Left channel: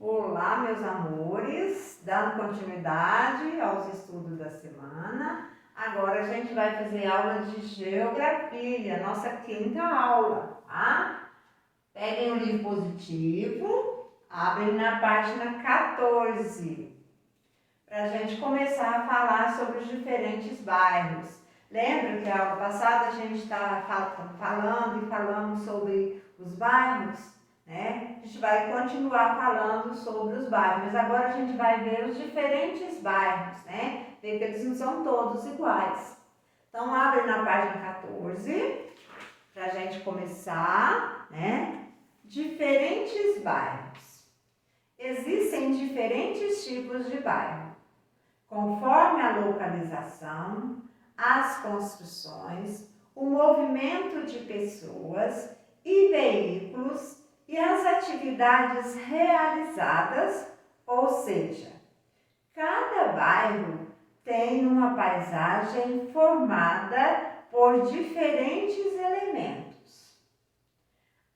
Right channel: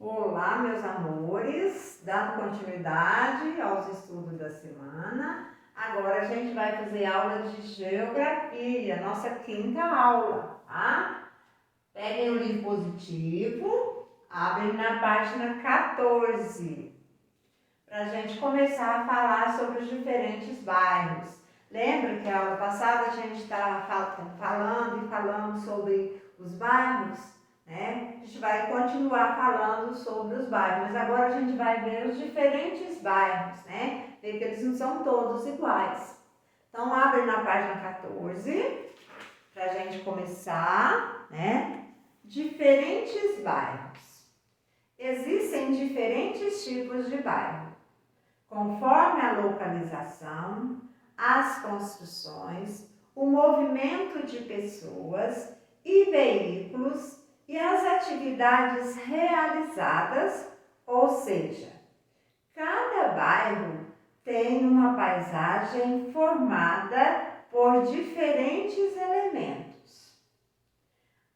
Olá, meus amores, dando continuidade aos estudos da semana. Agora a gente vai fazer aula de geografia, nossa quinta aula, tá? Peguem o livro positivo, abrem na página 14, para a gente começar a falar sobre os diferentes bairros. Lembra que a aula passada a gente estava falando sobre os bairros? Né? A gente vai continuar falando sobre os bairros, mas agora a gente vai ver os diferentes bairros, né? Ver que eles não são todos iguais. Então, abre na página 14, para a gente começar, né? Diferentes bairros. Existem diferentes tipos de bairro, conforme a localização, as construções, o movimento de pessoas e veículos e as atividades realizadas, ou seja, cada bairro tem uma paisagem formada por diferentes elementos.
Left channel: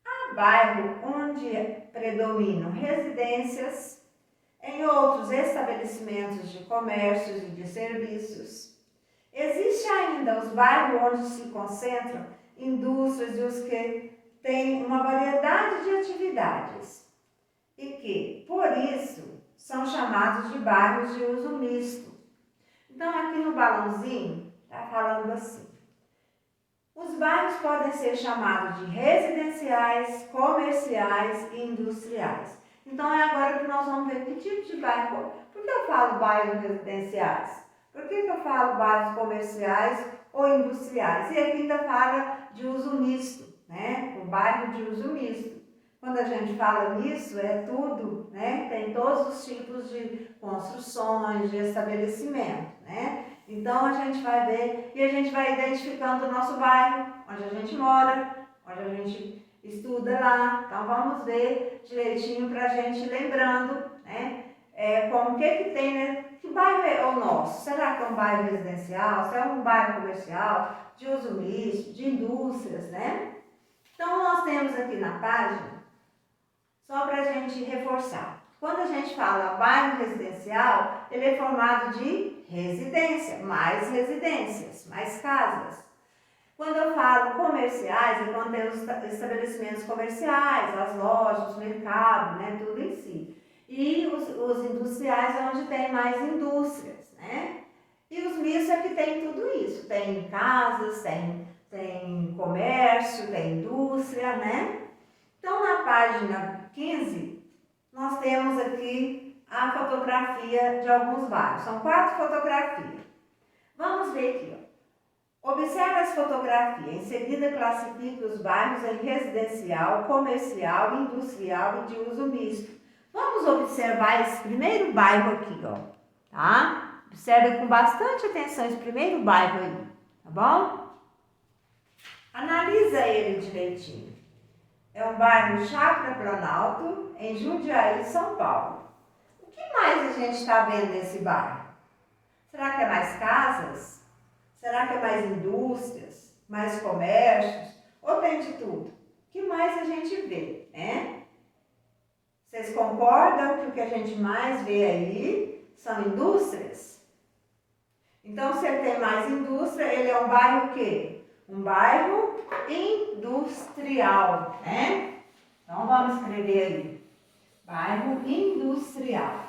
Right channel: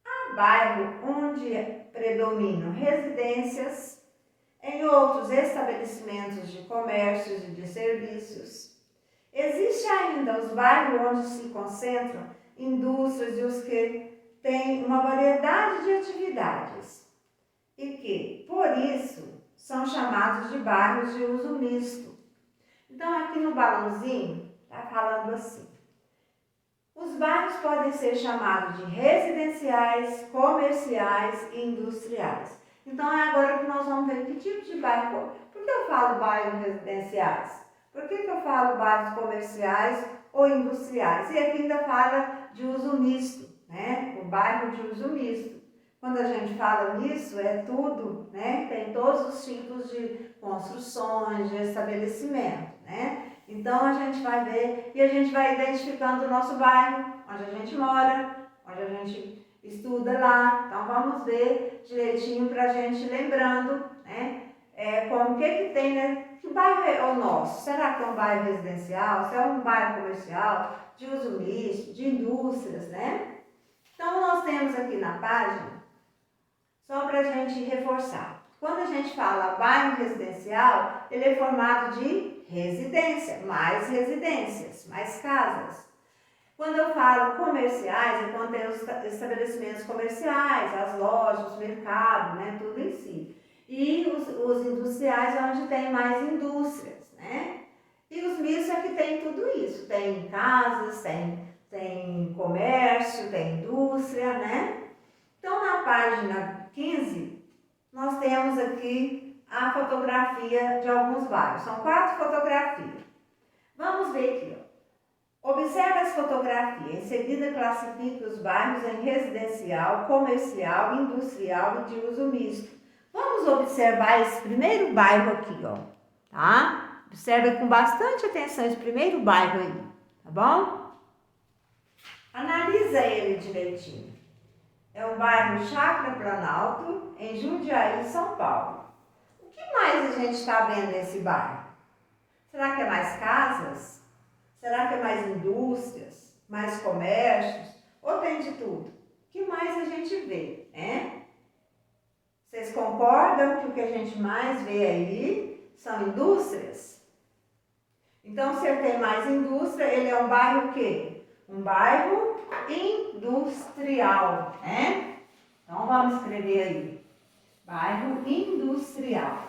Há bairro onde predominam residências, em outros estabelecimentos de comércios e de serviços. Existe ainda os bairros onde se concentram indústrias e os que têm uma variedade de atividades e que, por isso, são chamados de bairros de uso misto. Então, aqui no balãozinho, está falando assim: os bairros podem ser chamados de residenciais, comerciais e industriais. Então, é agora que nós vamos ver que tipo de bairro. Por que eu falo bairros residenciais? Por que eu falo bairros comerciais ou industriais? E aqui ainda fala de uso misto, né? O bairro de uso misto. Quando a gente fala nisso, é tudo, né? Tem todos os tipos de construções, de estabelecimento, né? Então, a gente vai ver e a gente vai identificando o nosso bairro, onde a gente mora, onde a gente estuda lá. Então, vamos ver direitinho para a gente lembrando, né? Como que tem, né? Que bairro é o nosso? Será que é um bairro residencial? Se é um bairro comercial, de uso misto, de indústrias, né? Então, nós temos aqui na página, só para a gente reforçar. Quando a gente fala bairro residencial, ele é formado de residência, mais residências, mais casas. Quando eu falo comerciais, é quando tem os estabelecimentos comerciais, as lojas, os mercados, né, tudo em si. E os industriais é onde tem mais indústrias, né? E os mistos é que tem tudo isso. Tem casas, tem comércio, tem indústria, né? Então, na página 15, nós temos aqui a fotografia de alguns bairros. São 4 fotografias. Vamos ver aqui, ó. Observe as fotografias. Em seguida, classifique os bairros em residencial, comercial, industrial e de uso misto. Vamos observar esse primeiro bairro aqui, ó. Tá? Observe com bastante atenção esse primeiro bairro aí, tá bom? Analisa ele direitinho. É o bairro Chácara Planalto, em Jundiaí, São Paulo. O que mais a gente está vendo nesse bairro? Será que é mais casas? Será que é mais indústrias? Mais comércios? Ou tem de tudo? O que mais a gente vê, né? Vocês concordam que o que a gente mais vê aí são indústrias? Então, se ele tem mais indústria, ele é um bairro o quê? Um bairro industrial, né? Então, vamos escrever aí. Bairro industrial.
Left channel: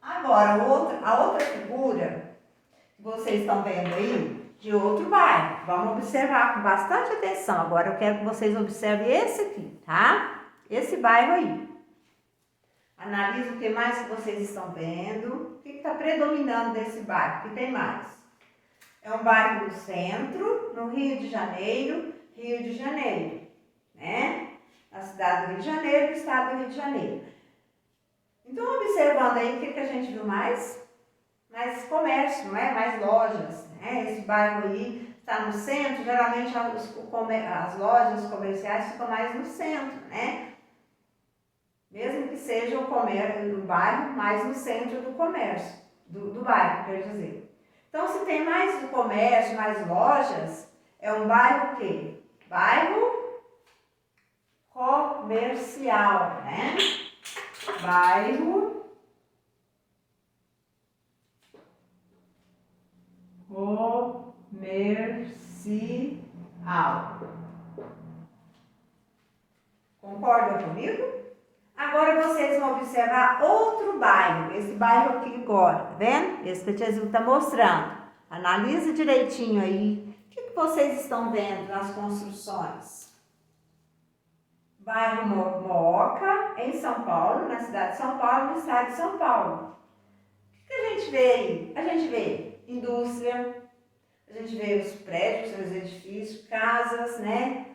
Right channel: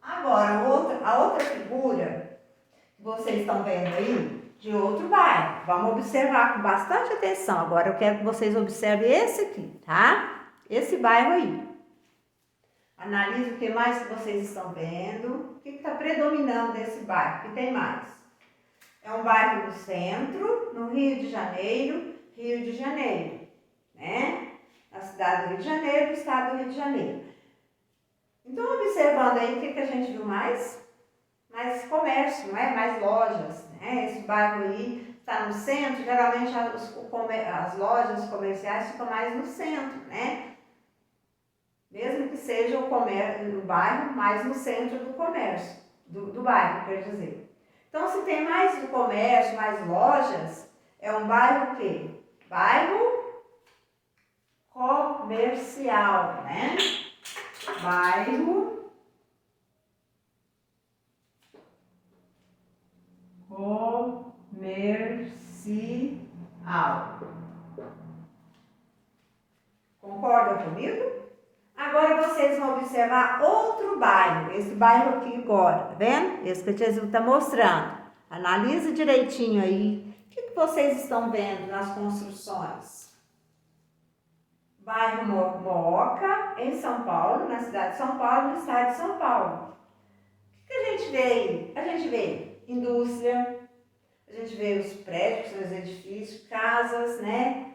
Agora, a outra figura que vocês estão vendo aí, de outro bairro. Vamos observar com bastante atenção. Agora eu quero que vocês observem esse aqui, tá? Esse bairro aí. Analise o que mais que vocês estão vendo. O que está predominando nesse bairro? O que tem mais? É um bairro do centro, no Rio de Janeiro, né? Na cidade do Rio de Janeiro, no estado do Rio de Janeiro. Então, observando aí, o que a gente viu mais? Mais comércio, não é? Mais lojas, né? Esse bairro aí está no centro, geralmente as lojas comerciais ficam mais no centro, né? Mesmo que seja o bairro mais no centro do comércio, do bairro, quer dizer. Então, se tem mais comércio, mais lojas, é um bairro o quê? Bairro comercial, né? Bairro comercial. Concordam comigo? Agora vocês vão observar outro bairro, esse bairro aqui agora, tá vendo? Esse que a tia Zil está mostrando. Analise direitinho aí. O que vocês estão vendo nas construções? Bairro Mooca, em São Paulo, na cidade de São Paulo, no estado de São Paulo. O que a gente vê aí? A gente vê indústria, a gente vê os prédios, os edifícios, casas, né?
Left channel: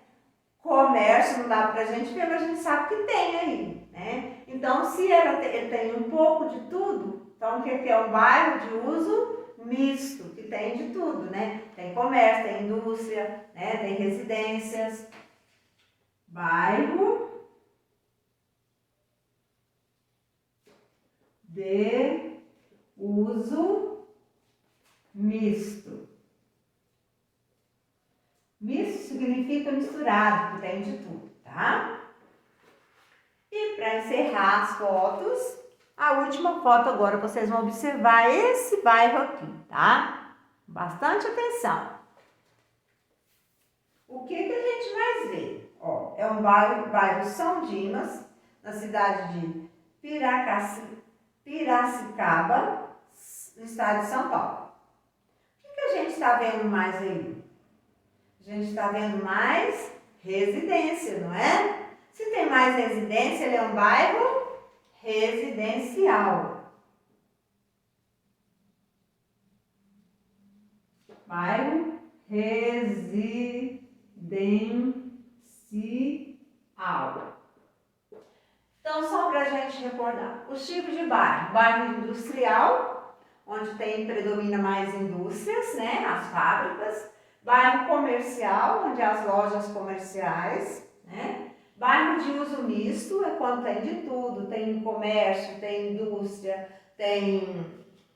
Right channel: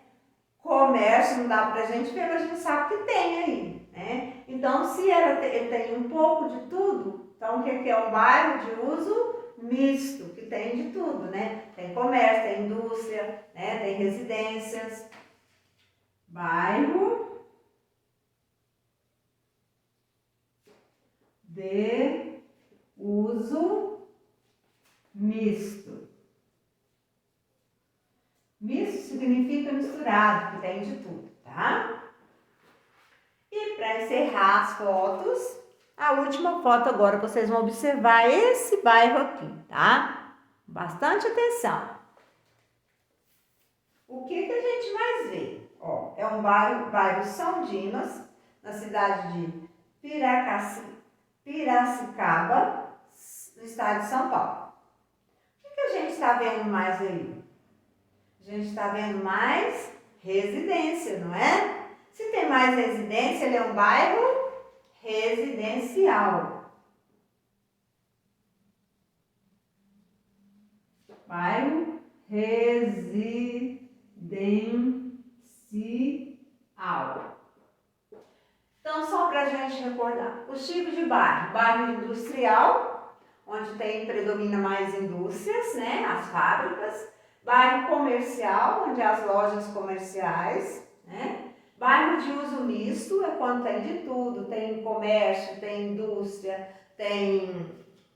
Comércio, não dá pra gente ver, mas a gente sabe que tem aí, né? Então, se ele tem um pouco de tudo, então o que é um bairro de uso misto, que tem de tudo, né? Tem comércio, tem indústria, né? Tem residências. Bairro de uso misto. Misto significa misturado, que tem de tudo, tá? E para encerrar as fotos, a última foto agora vocês vão observar esse bairro aqui, tá? Bastante atenção. O que a gente mais vê? Ó, é um bairro São Dimas, na cidade de Piracicaba, no estado de São Paulo. O que a gente está vendo mais aí? A gente está vendo mais residência, não é? Se tem mais residência, ele é um bairro residencial. Bairro residencial. Então, só para a gente recordar, os tipos de bairro. Bairro industrial, onde predomina mais indústrias, né? As fábricas. Bairro comercial, onde as lojas comerciais, né? Bairro de uso misto é quando tem de tudo, tem comércio, tem indústria, tem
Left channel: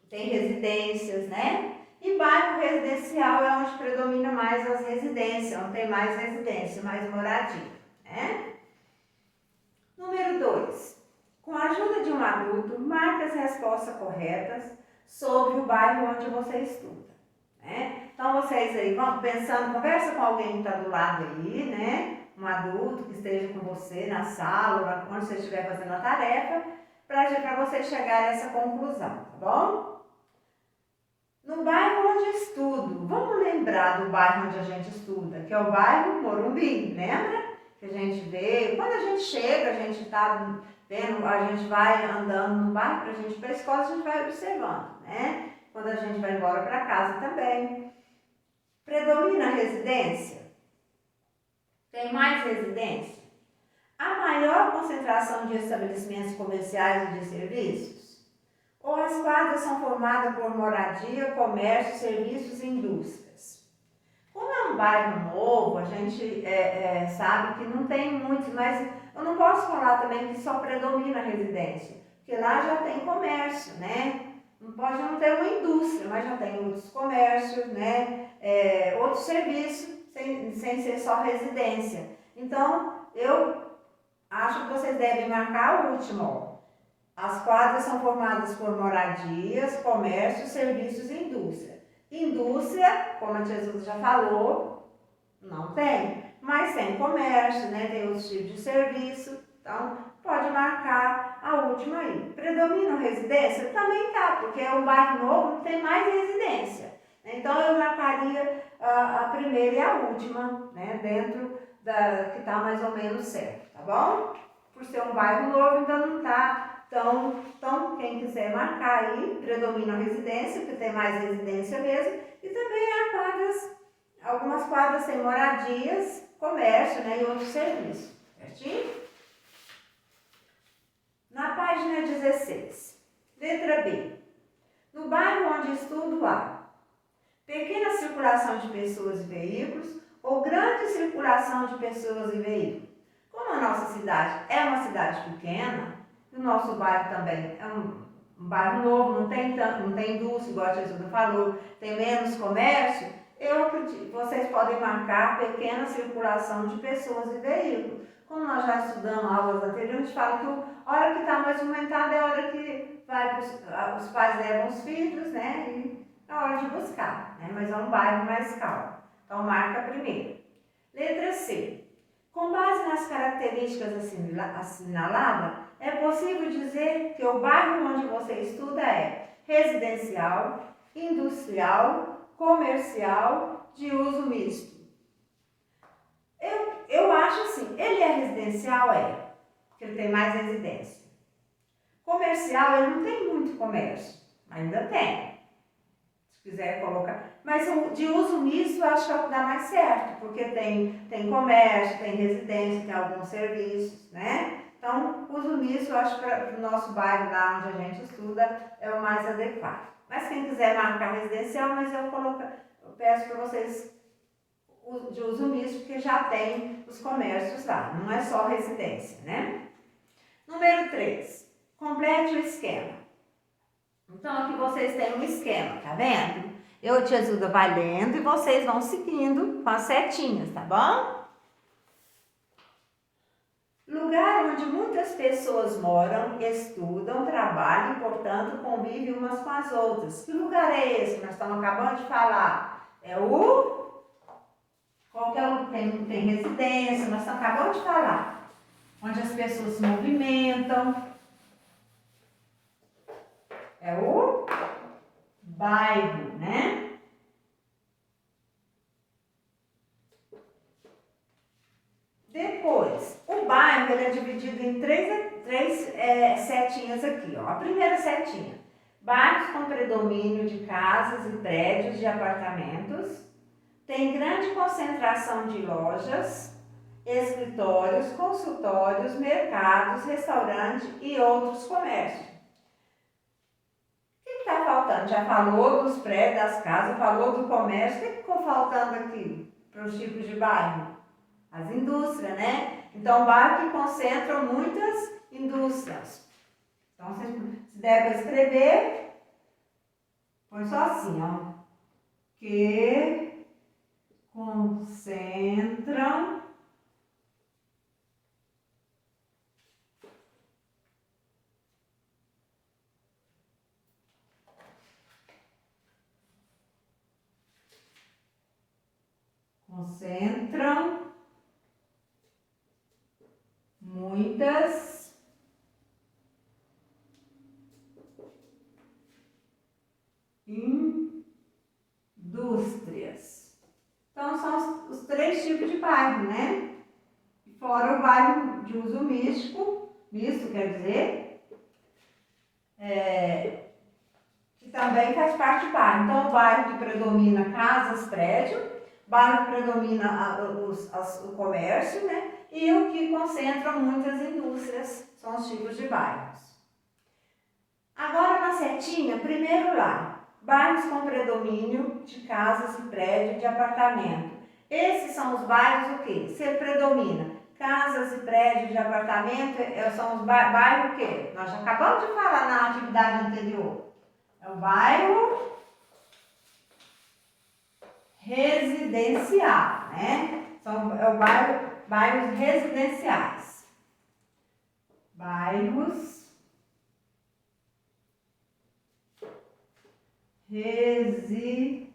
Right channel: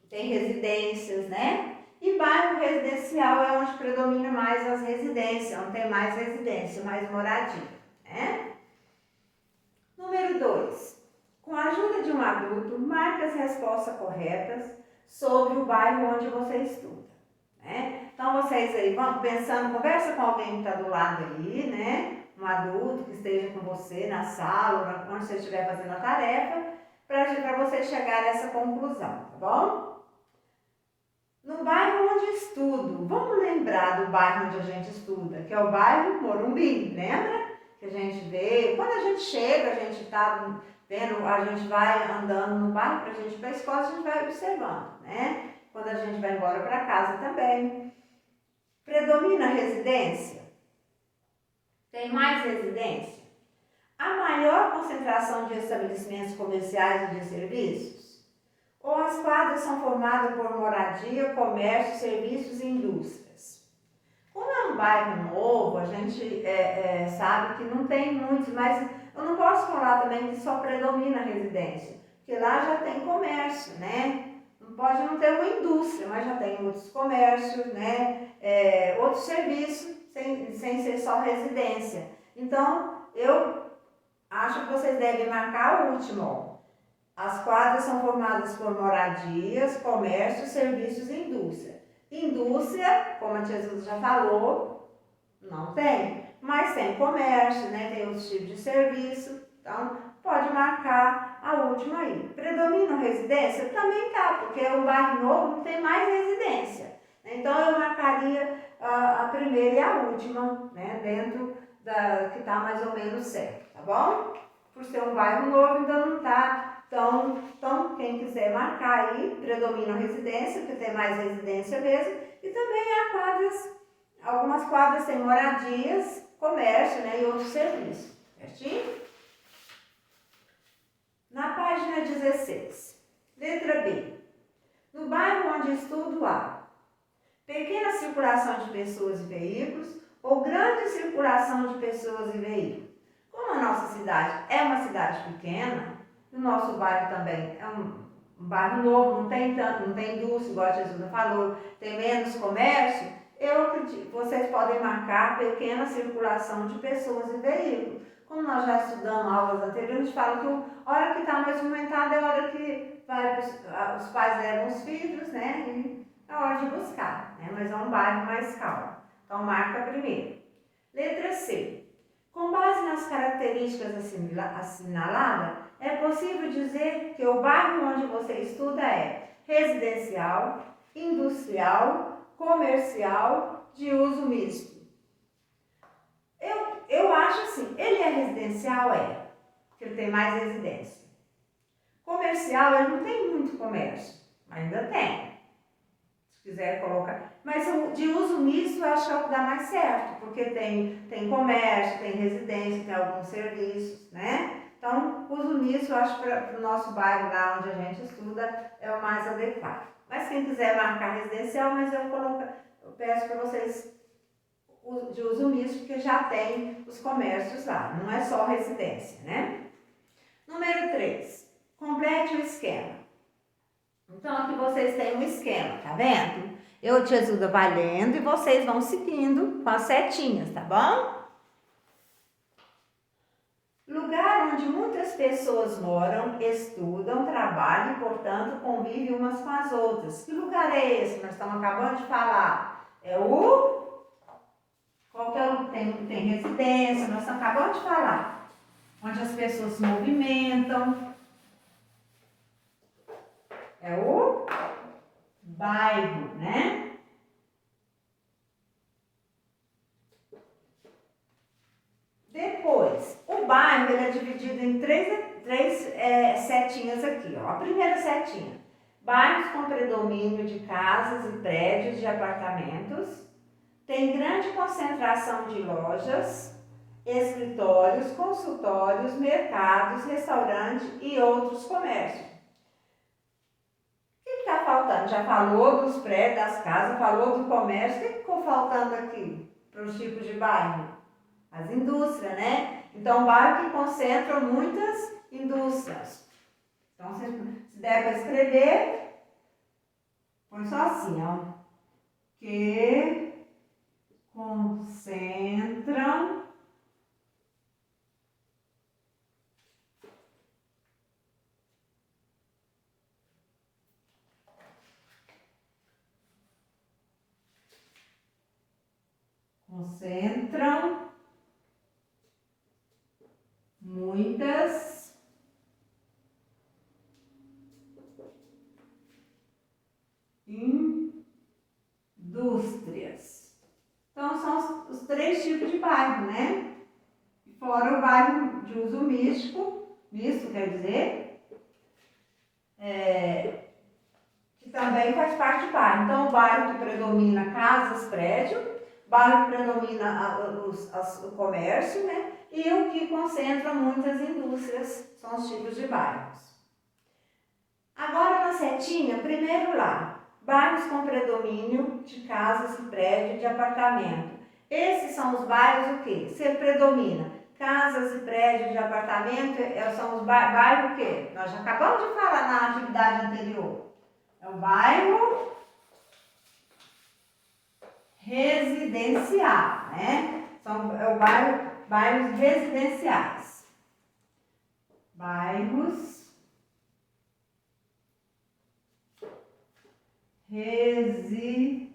residências, né? E bairro residencial é onde predomina mais as residências, onde tem mais residência, mais moradia, né? Número 2. Com a ajuda de um adulto, marque as respostas corretas sobre o bairro onde você estuda, né? Então, vocês aí vão pensando, conversa com alguém que está do lado aí, né? Um adulto que esteja com você na sala, onde você estiver fazendo a tarefa, para você chegar a essa conclusão, tá bom? No bairro onde estudo, vamos lembrar do bairro onde a gente estuda, que é o bairro Morumbi, lembra? Que a gente vê, quando a gente chega, a gente está vendo, a gente vai andando no bairro, para a gente ir para a escola, a gente vai observando, né? Quando a gente vai embora para casa também. Predomina a residência? Tem mais residência? A maior concentração de estabelecimentos comerciais e de serviços? Ou as quadras são formadas por moradia, comércio, serviços e indústrias? Como é um bairro novo, a gente sabe que não tem muitos, mas eu não posso falar também que só predomina a residência, porque lá já tem comércio, né? Pode não ter uma indústria, mas já tem outros comércios, né? Outros serviços, sem ser só residência. Então, eu acho que vocês devem marcar o último, ó. As quadras são formadas por moradias, comércio, serviços e indústria. Indústria, como a tia Zilda já falou, não tem, mas tem comércio, né? Tem outros tipos de serviço, então pode marcar a última aí. Predomina a residência? Também tá, porque é um bairro novo, não tem mais residência. Então eu marcaria a primeira e a última, né? Dentro que está mais ou menos certo, tá bom? Por ser um bairro novo, ainda não está. Então, quem quiser marcar aí, predomina a residência, porque tem mais residência mesmo, e também há algumas quadras têm moradias, comércio, né, e outros serviços, certinho? Na página 16, letra B. No bairro onde estudo há pequena circulação de pessoas e veículos ou grande circulação de pessoas e veículos. Como a nossa cidade é uma cidade pequena, o nosso bairro também é um bairro novo, não tem indústria, igual a Jesus falou, tem menos comércio, eu acredito, vocês podem marcar pequena circulação de pessoas e veículos. Como nós já estudamos aulas anteriores, a gente fala que a hora que está mais movimentada é a hora que os pais levam os filhos, né? E é a hora de buscar, né? Mas é um bairro mais calmo. Então, marca primeiro. Letra C. Com base nas características assinaladas, é possível dizer que o bairro onde você estuda é residencial, industrial, comercial, de uso misto. Eu acho assim, ele é residencial, porque ele tem mais residência. Comercial, ele não tem muito comércio, ainda tem. Se quiser colocar. Mas o de uso misto, eu acho que é o que dá mais certo, porque tem comércio, tem residência, tem alguns serviços, né? Então, uso misto, eu acho que para o nosso bairro, lá onde a gente estuda, é o mais adequado. Mas quem quiser marcar residencial, mas eu peço para vocês de uso misto, porque já tem os comércios lá, não é só residência, né? Número 3, complete o esquema. Então, aqui vocês têm um esquema, tá vendo? Eu te ajudo vai lendo e vocês vão seguindo com as setinhas, tá bom? Lugar onde muitas pessoas moram, estudam, trabalham e, portanto, convivem umas com as outras. Que lugar é esse que nós estamos acabando de falar? É o... Qualquer um tem residência, nós estamos acabando de falar. Onde as pessoas se movimentam. É o bairro, né? Depois, o bairro ele é dividido em três setinhas aqui, ó. A primeira setinha, bairros com predomínio de casas e prédios de apartamentos, tem grande concentração de lojas, escritórios, consultórios, mercados, restaurantes e outros comércios. O que está faltando? Já falou dos prédios, das casas, falou do comércio, o que ficou faltando aqui para os tipos de bairro? As indústrias, né? Então, bairro que concentram muitas indústrias. Então, se der para escrever, põe só assim, ó. Que concentram muitas indústrias. Então, são os três tipos de bairro, né? Fora o bairro de uso misto quer dizer, que também faz parte do bairro. Então, o bairro que predomina casas, prédio, bairro que predomina o comércio, né? E o que concentra muitas indústrias, são os tipos de bairros. Agora, na setinha, primeiro lá, bairros com predomínio de casas e prédios de apartamento. Esses são os bairros o quê? Se predomina casas e prédios de apartamento, são os bairros o quê? Nós já acabamos de falar na atividade anterior. É o bairro residencial, né? É o bairros residenciais. Bairros residenciais,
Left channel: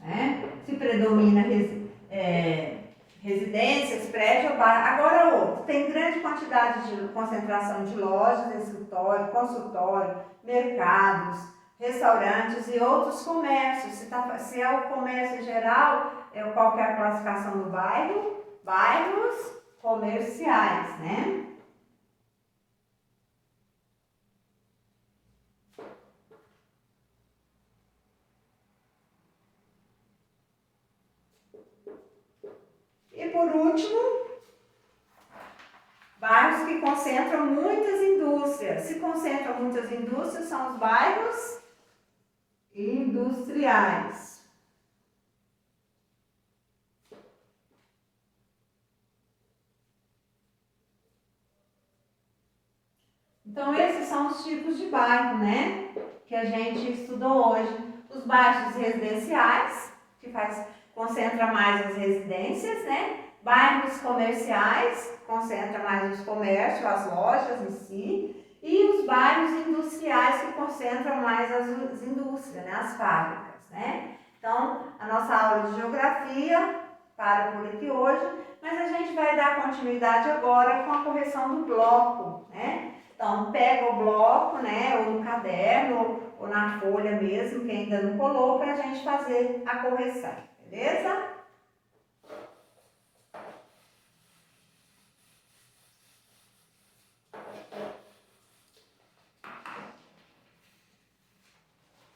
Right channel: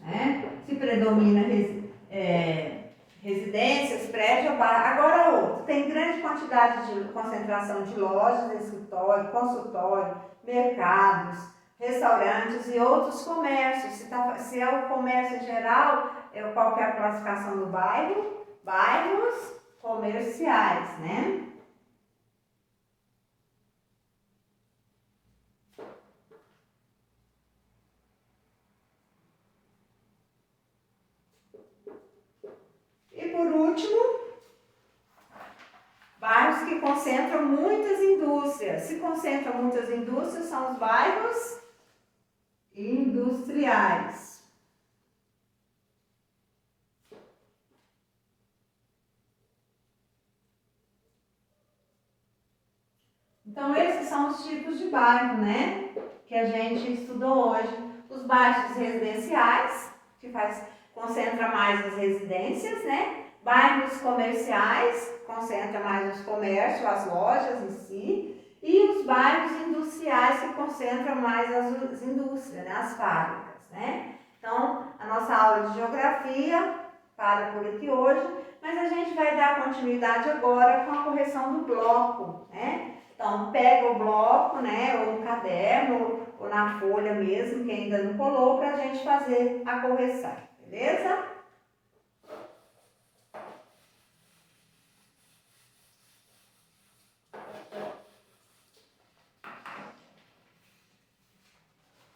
né? Se predomina residências, prédio, agora outro. Tem grande quantidade de concentração de lojas, escritório, consultório, mercados, restaurantes e outros comércios. Se é o comércio em geral, qual que é a classificação do bairro? Bairros comerciais, né? E por último, Bairros que concentram muitas indústrias. Se concentram muitas indústrias, são os bairros industriais. Então, esses são os tipos de bairro, né? Que a gente estudou hoje. Os bairros residenciais, que concentra mais as residências, né? Bairros comerciais, concentra mais os comércios, as lojas em si. E os bairros industriais, que concentram mais as indústrias, né? As fábricas, né? Então, a nossa aula de geografia para por aqui hoje, mas a gente vai dar continuidade agora com a correção do bloco, né? Então, pega o bloco, né, ou no caderno, ou na folha mesmo, que ainda não colou, para a gente fazer a correção, beleza?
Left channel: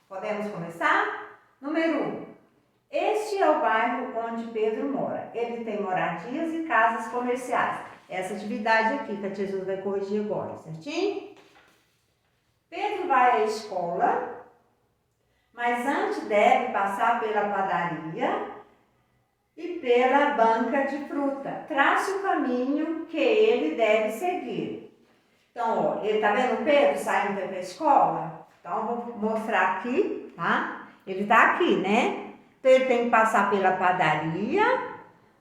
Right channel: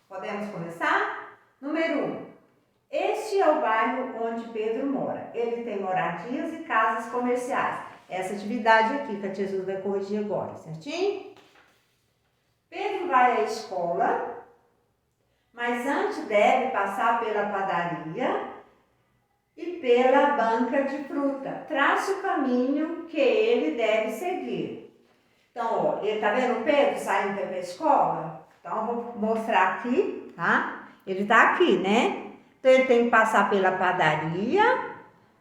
Podemos começar? Número 1. Este é o bairro onde Pedro mora. Ele tem moradias e casas comerciais. Essa atividade aqui que a Jesus vai corrigir agora, certinho? Pedro vai à escola, mas antes deve passar pela padaria e pela banca de fruta. Trace o caminho que ele deve seguir. Então, ó, ele tá vendo o Pedro saindo para a escola? Então, eu vou mostrar aqui, tá? Ele tá aqui, né? Então, ele tem que passar pela padaria,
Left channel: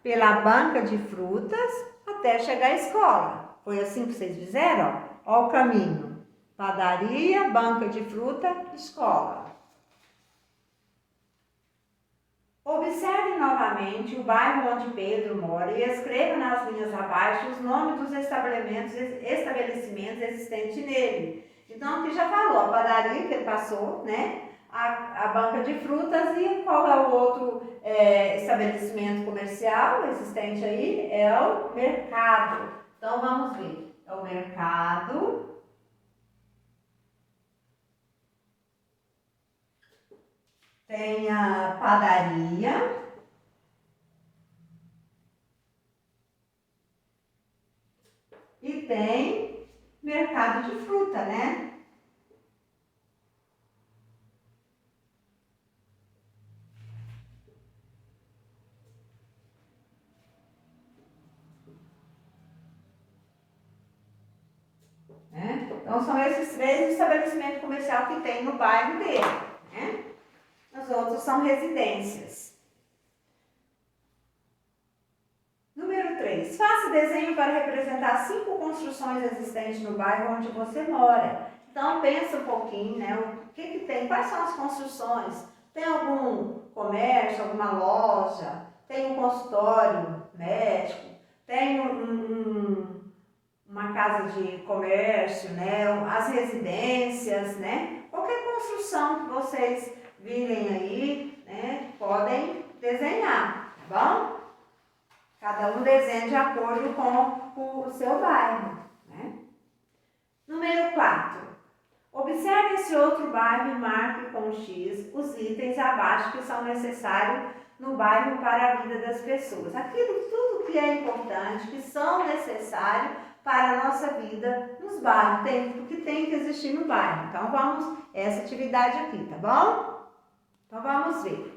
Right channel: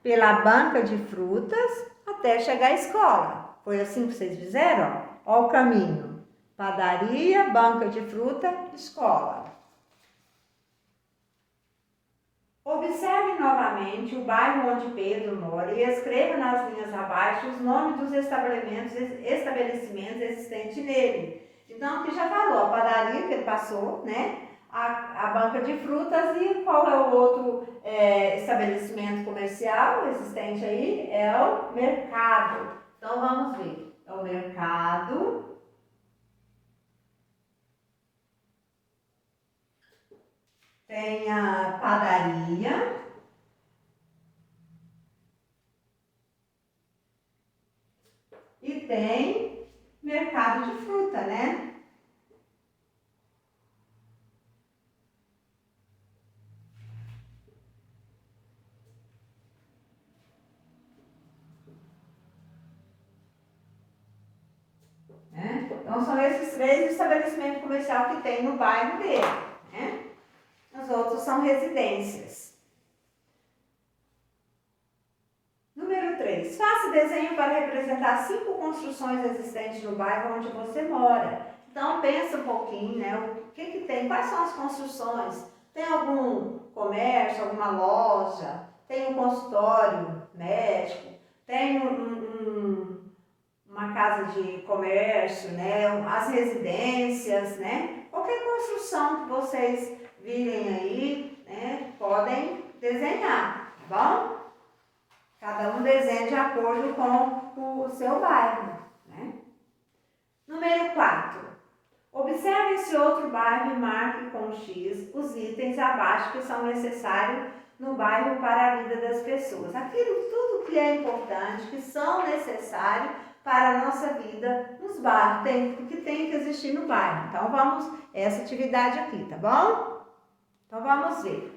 pela banca de frutas, até chegar à escola. Foi assim que vocês fizeram? Ó o caminho. Padaria, banca de fruta, escola. Observe novamente o bairro onde Pedro mora e escreva nas linhas abaixo os nomes dos estabelecimentos existentes nele. Então, aqui já falou, a padaria que ele passou, né? A banca de frutas e qual é o outro estabelecimento comercial existente aí? É o mercado. Então, vamos ver. É o mercado. Tem a padaria. E tem mercado de fruta, né? Então, são esses 3 estabelecimentos comerciais que tem no bairro dele, né? Os outros são residências. Número 3. Faça desenho para representar 5 construções existentes no bairro onde você mora. Então, pensa um pouquinho, né? O que tem? Quais são as construções? Tem algum comércio, alguma loja? Tem um consultório médico? Tem uma casa de comércio, né? As residências, né? Qualquer construção que vocês virem aí, né? Podem desenhar, tá bom? Cada um desenha de acordo com o seu bairro, né? Número 4. Observe esse outro bairro e marque com X os itens abaixo que são necessários no bairro para a vida das pessoas. Aquilo tudo que é importante, que são necessários para a nossa vida nos bairros, que tem que existir no bairro. Então, vamos essa atividade aqui, tá bom? Então, vamos ver.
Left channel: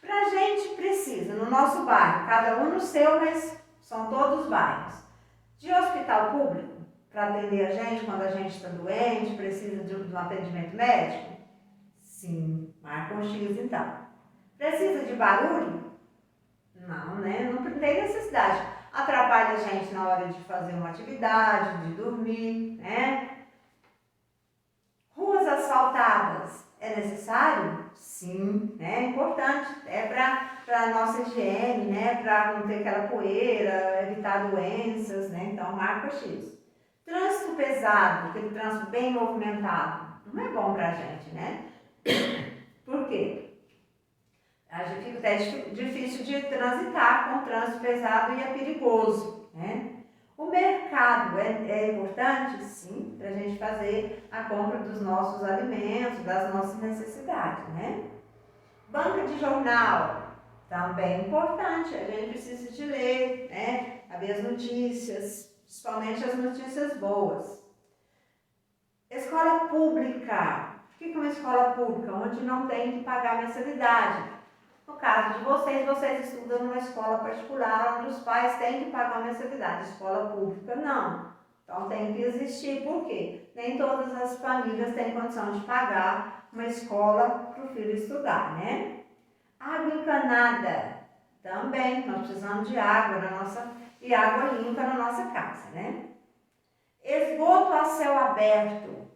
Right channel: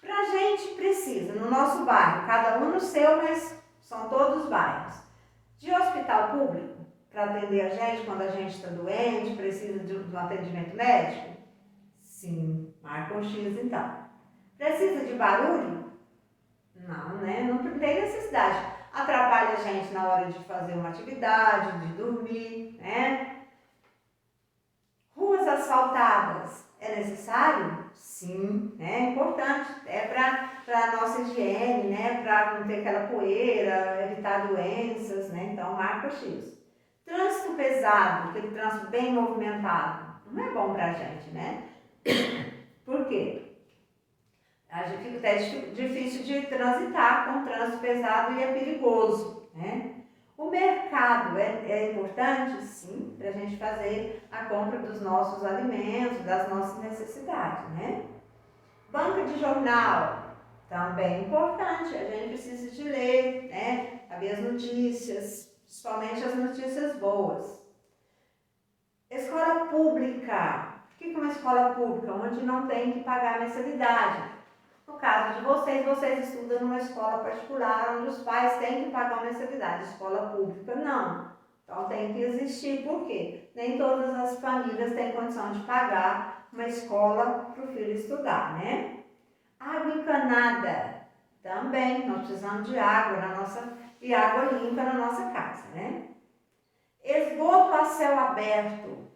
Pra gente precisa, no nosso bairro, cada um no seu, mas são todos bairros, de hospital público, para atender a gente quando a gente está doente, precisa de um atendimento médico? Sim, marca um X então. Precisa de barulho? Não, né? Não tem necessidade. Atrapalha a gente na hora de fazer uma atividade, de dormir, né? Ruas asfaltadas, é necessário? Sim, é importante. É para a nossa higiene, né? Para não ter aquela poeira, evitar doenças, né? Então, marca X. Trânsito pesado, aquele trânsito bem movimentado, não é bom para a gente, né? Por quê? A gente fica até difícil de transitar com trânsito pesado e é perigoso, né? O mercado é importante, sim, para a gente fazer a compra dos nossos alimentos, das nossas necessidades, né? Banca de jornal, Também importante, a gente precisa de ler, né? Saber as notícias, principalmente as notícias boas. Escola pública. O que é uma escola pública? Onde não tem que pagar mensalidade. No caso de vocês, vocês estudam numa escola particular, onde os pais têm que pagar mensalidade. Escola pública, não. Então tem que existir, por quê? Nem todas as famílias têm condição de pagar uma escola para o filho estudar, né? Água encanada, também, nós precisamos de água e água limpa na nossa casa, né? Esgoto a céu aberto,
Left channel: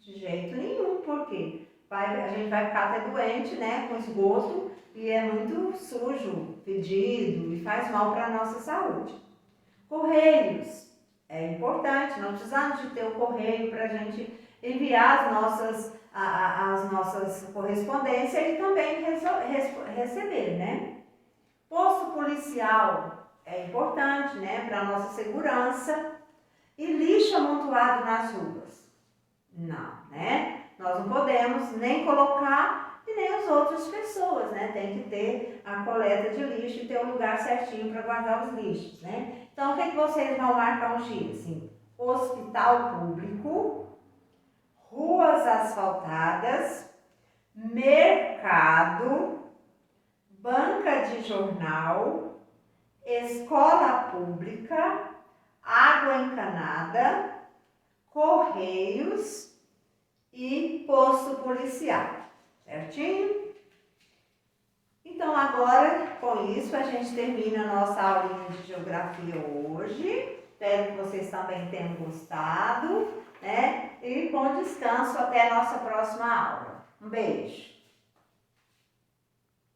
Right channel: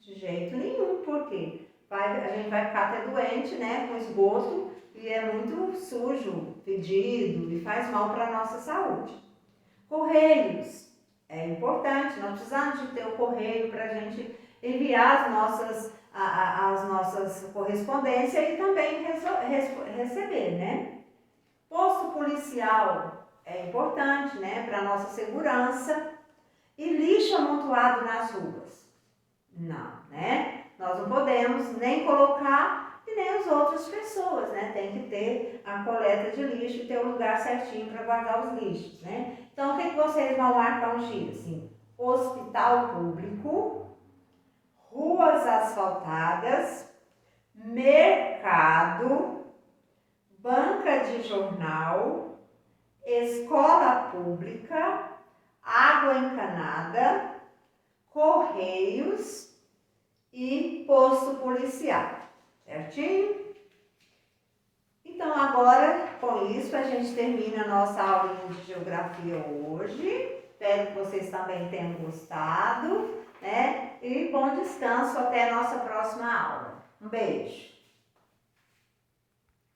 de jeito nenhum, porque a gente vai ficar até doente, né, com esgoto, e é muito sujo, fedido, e faz mal para a nossa saúde. Correios, é importante, nós precisamos de ter o correio para a gente enviar as nossas correspondências e também receber, né? Posto policial é importante, né, para a nossa segurança. E lixo amontoado nas ruas? Não, né? Nós não podemos nem colocar e nem as outras pessoas, né? Tem que ter a coleta de lixo e ter um lugar certinho para guardar os lixos, né? Então, o que vocês vão marcar um dia? Assim, hospital público, ruas asfaltadas, mercado, banca de jornal, escola pública, água encanada, correios e posto policial, certinho? Então agora, com isso, a gente termina a nossa aulinha de geografia hoje. Espero que vocês também tenham gostado, né? E bom descanso até a nossa próxima aula. Um beijo!